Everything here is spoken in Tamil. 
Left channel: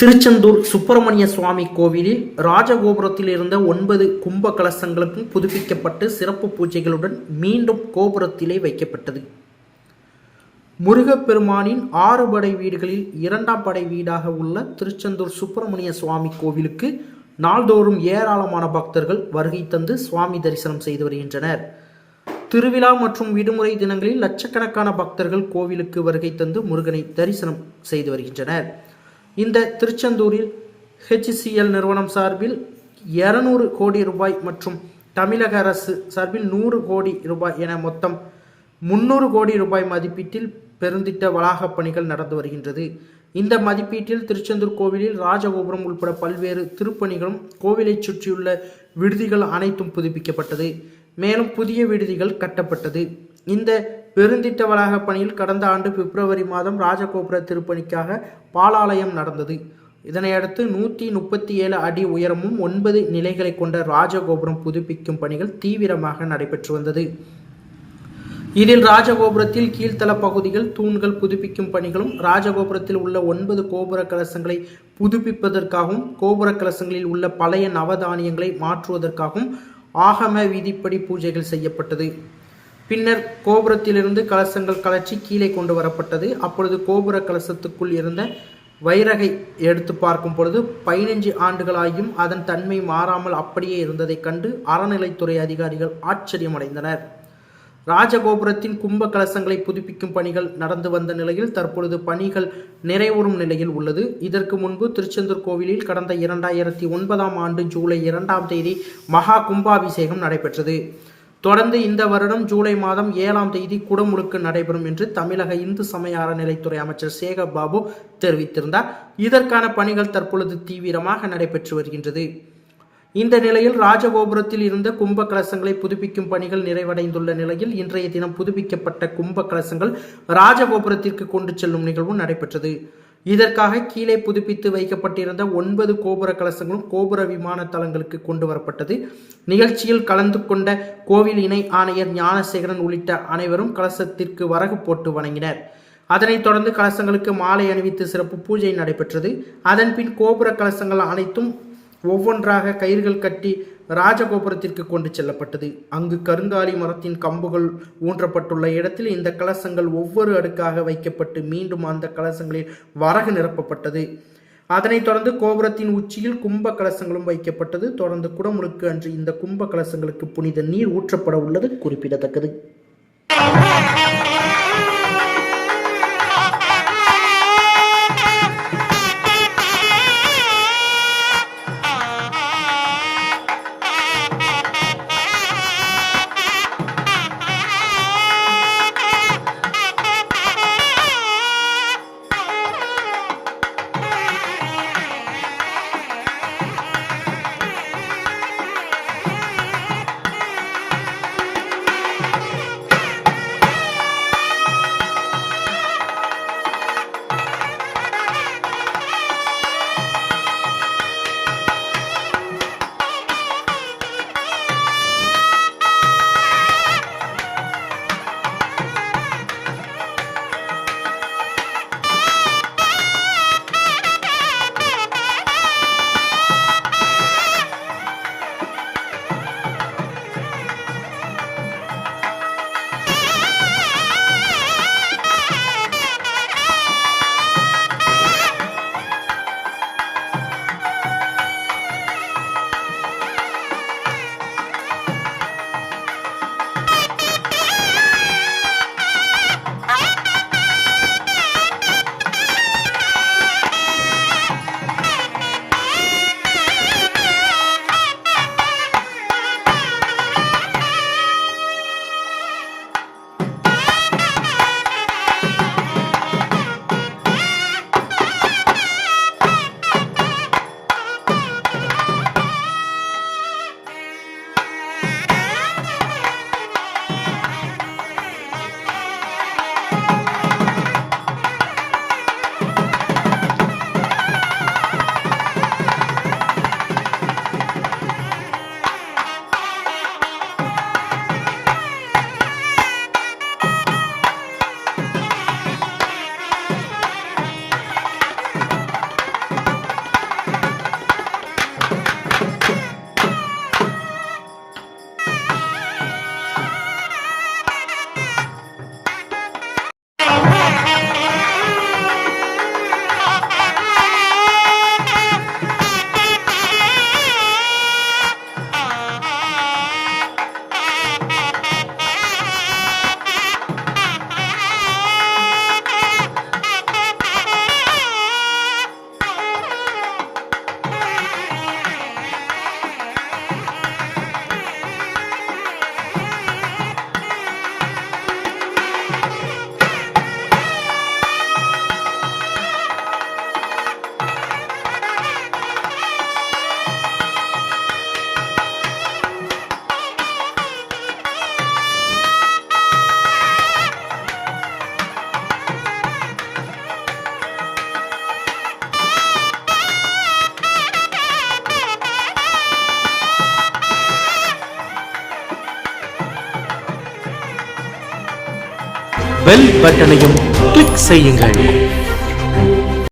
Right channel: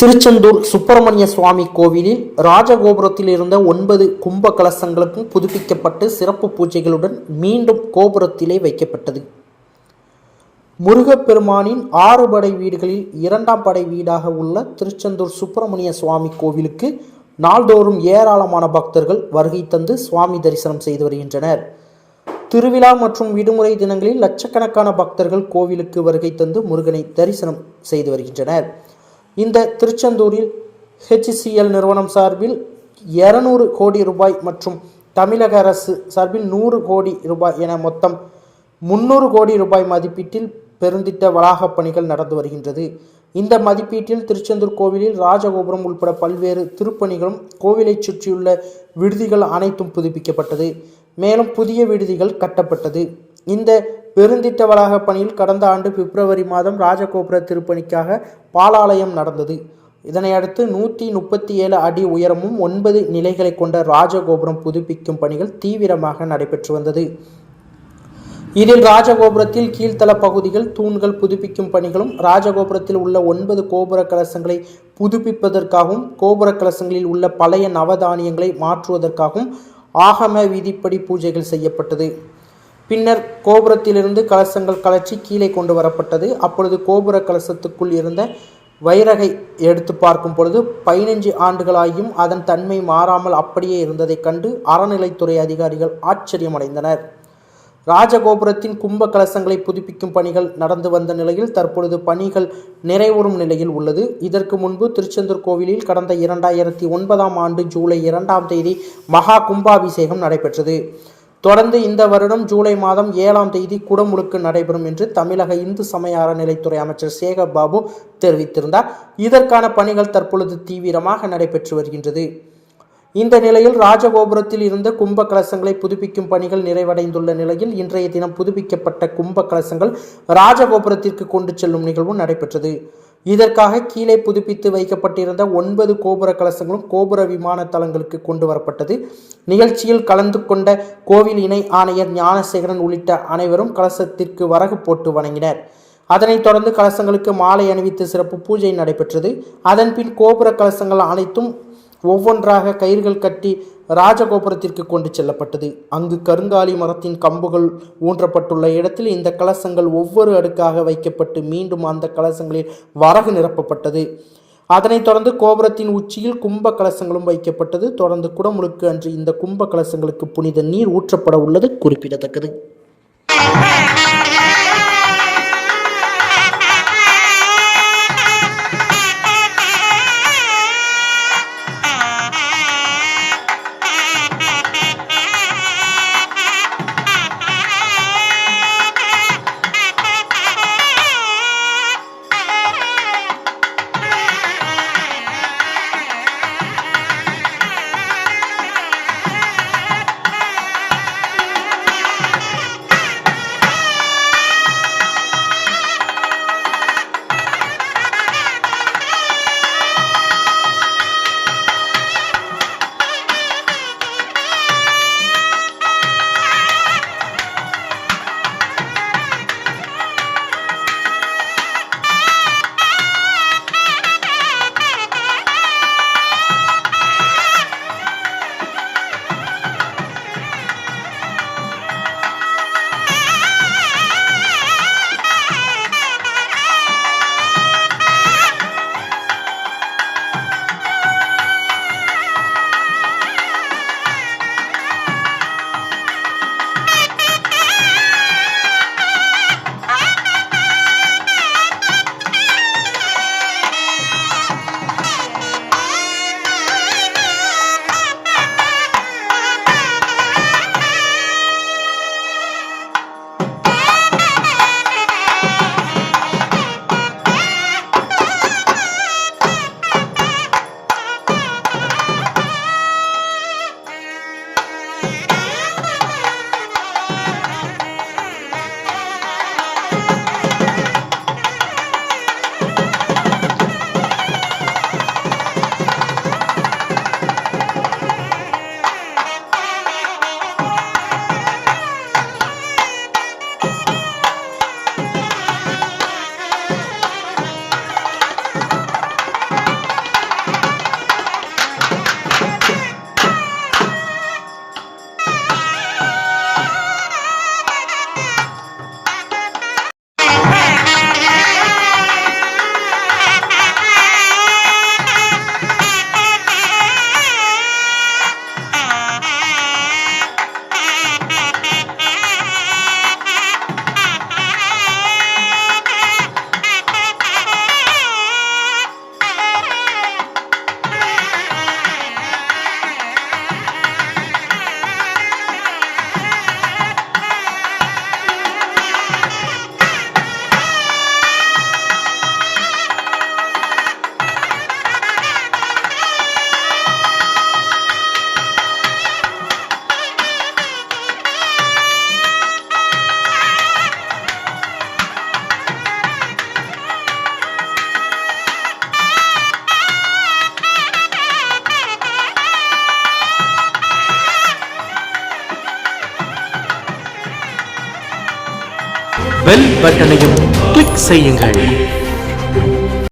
திருச்செந்தூர் சுப்பிரமணிய சுவாமி கோவிலில் ராஜகோபுரத்தில் இருந்த 9 கும்ப கலசங்களுக்கும் புதுப்பிக்கப்பட்டு சிறப்பு பூஜைகளுடன் மீண்டும் கோபுரத்திலே வைக்கப்பட்டது. முருகப்பெருமானின் 6 படை வீடுகளில் 2ஆம் படை வீடாக உள்ள திருச்செந்தூர் சுப்பிரமணிய சுவாமி கோவிலுக்கு நாள்தோறும் ஏராளமான பக்தர்கள் வருகை தந்து சுவாமி தரிசனம் செய்து வருகின்றனர். திருவிழா மற்றும் விடுமுறை தினங்களில் லட்சக்கணக்கான பக்தர்கள் கோவிலுக்கு வருகை தந்து முருகனை தரிசனம் செய்து வருகின்றனர். இந்த திருச்செந்தூரில் HCL நிறுவனம் சார்பில் 200 கோடி ரூபாய் மற்றும் தமிழக அரசு சார்பில் 100 கோடி ரூபாய் என மொத்தம் 300 கோடி ரூபாய் மதிப்பீட்டில் பெருந்திட்ட வளாக பணிகள் நடந்து வருகின்றது. இந்த மதிப்பீட்டில் திருச்செந்தூர் கோவிலில் ராஜகோபுரம் உட்பட பல்வேறு திருப்பணிகளும் கோவிலை சுற்றியுள்ள விடுதிகள் அனைத்தும் புதுப்பிக்கப்பட்டது. மேலும் புதிய விடுதிகள் கட்டப்பட்டது. இந்த பெருந்திட்ட வளாக பணியில் கடந்த ஆண்டு பிப்ரவரி மாதம் ராஜகோபுர திருப்பணிக்காக பாலாலயம் நடந்தது. இதனையடுத்து 137 அடி உயரமும் 9 நிலைகளை கொண்ட ராஜகோபுரம் புதுப்பிக்கும் பணிகள் தீவிரமாக நடைபெற்று வந்தது. இதில் ராஜகோபுரத்தில் கீழ்த்தள பகுதிகள் தூண்கள் புதுப்பிக்கும் பணிகளும், ராஜகோபுரத்தில் உள்ள 9 கோபுர கலசங்களை புதுப்பிப்பதற்காகவும், கோபுர கலசங்களில் உள்ள பழைய நவதானியங்களை மாற்றுவதற்காகவும் ஆகம விதிப்படி பூஜைகள் செய்யப்பட்டது. பின்னர் கோபுரத்திலிருந்து கலசங்கள் கலற்றி கீழே கொண்டு வரப்பட்டது. அப்பொழுது கோபுர கலசத்துக்குள் இருந்த வைரகை எடுத்து பார்க்கும் பொழுது 15 ஆண்டுகளாகியும் அதன் தன்மை மாறாமல் அப்படியே இருந்ததை கண்டு அறநிலைத்துறை அதிகாரிகள் ஆச்சரியமடைந்தனர். ராஜகோபுரத்தின் கும்ப கலசங்களை புதுப்பிக்கும் பணிகள் நடந்து வந்த நிலையில் தற்பொழுது பணிகள் நிறைவுறும் நிலையில் உள்ளது. இதற்கு முன்பு திருச்செந்தூர் கோவிலில் கடந்த 2009ஆம் ஆண்டு ஜூலை 2ஆம் தேதி மகா கும்பாபிஷேகம் நடைபெற்றது. தொடர்ந்து இந்த வருடம் ஜூலை மாதம் 7ஆம் தேதி குடமுழுக்கு நடைபெறும் என்று தமிழக இந்து சமய அறநிலைத்துறை அமைச்சர் சேகர் பாபு தெரிவித்திருந்தார். இதற்கான பணிகள் தற்பொழுது தீவிரமாக நடைபெற்று வருகின்றது. இந்த நிலையில் ராஜகோபுரத்தில் இருந்த கும்ப கலசங்களை புதுப்பிக்கும் பணிகள் நிறைவடைந்துள்ள நிலையில் இன்றைய தினம் புதுப்பிக்கப்பட்ட கும்ப கலசங்கள் ராஜகோபுரத்திற்கு கொண்டு செல்லும் நிகழ்வு நடைபெற்றது. இதற்காக கீழே புதுப்பித்து வைக்கப்பட்டிருந்த 9 கோபுர கலசங்களும் கோபுர விமான தளங்களுக்கு கொண்டு வரப்பட்டது. நிகழ்ச்சியில் கலந்து கொண்ட கோவில் இணை ஆணையர் ஞானசேகரன் உள்ளிட்ட அனைவரும் கலசத்திற்கு வரகு போட்டு வணங்கினர். அதனைத் தொடர்ந்து கலசங்களுக்கு மாலை அணிவித்து சிறப்பு பூஜை நடைபெற்றது. அதன்பின் கோபுர கலசங்கள் அனைத்தும் ஒவ்வொன்றாக கயிறுகள் கட்டி ராஜகோபுரத்திற்கு கொண்டு செல்லப்பட்டது. அங்கு கருங்காலி மரத்தின் கம்புகள் ஊன்றப்பட்டுள்ள இடத்தில் இந்த கலசங்கள் ஒவ்வொரு அடுக்காக வைக்கப்பட்டு மீண்டும் அந்த கலசங்களில் வரகு நிரப்பப்பட்டது. அதனைத் தொடர்ந்து கோபுரத்தின் உச்சியில் கும்ப கலசங்களும் வைக்கப்பட்டது. தொடர்ந்து குடமுழுக்கு அன்று இந்த கும்ப கலசங்களுக்கு புனித நீர் ஊற்றப்பட உள்ளது குறிப்பிடத்தக்கது. பெல் பட்டனையும் கிளிக் செய்யுங்கள்.